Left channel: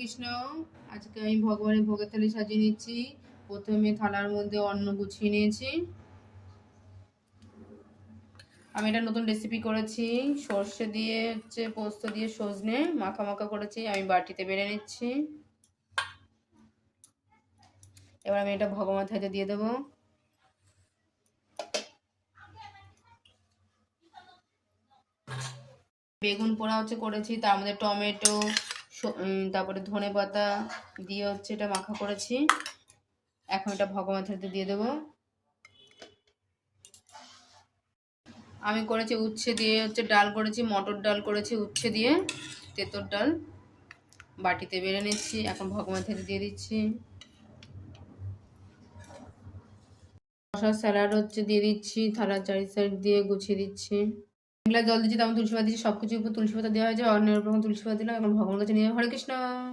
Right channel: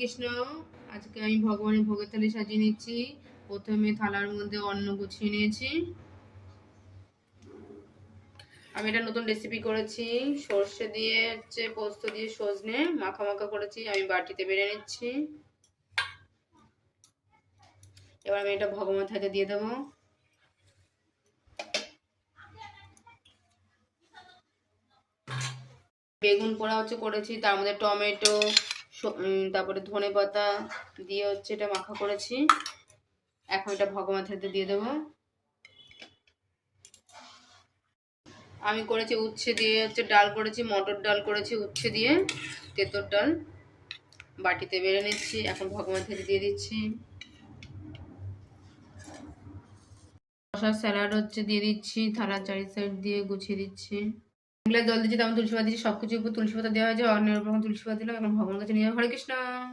কৃষ্ণ। আজকে আমি ভগবানের ভোগের থালি সাজিয়ে নিচ্ছি। প্রথমে থালার মধ্যে অন্ন গুছিয়ে নিয়েছি। আমি এটা নতুন রেসিপি করেছি, সর্ষে দিয়ে পোস্ত দিয়ে সজনে মাখা মাখা করেছি। আমি বাটিতে বেড়ে নিচ্ছি। এবার আমি এটা ভগবানের থালিতে দিয়ে দেবো। বেগুন পোড়া করেছি, তার মধ্যে টমেটো, তারপরে ধনে পাতা দিয়ে এটা মাখা করেছি। এখন এটা ভগবানের থালিতে দিয়ে দেবো। আমি করেছি উচ্ছে দিয়ে ডাল করেছি, মটর ডাল করেছি উচ্ছে দিয়ে, তেঁতোর ডাল বাটিতে বেড়ে নিচ্ছি। এখন ভগবানের থালিতে দিয়ে দিচ্ছি। শশার স্যালাড দিয়ে দিচ্ছি, থালার চারি সাইড দিয়ে গুছিয়ে দিচ্ছি। গ্লাস জল দিচ্ছি, তেমন তুলসী পাতা দিচ্ছি, সবকিছুর উপর তুলসী পাতা দেওয়া হয়েছে। অন্যের উপর তুলসী পাতা দিলাম। এখন ভগবানের কাছে নিয়ে হরে কৃষ্ণ।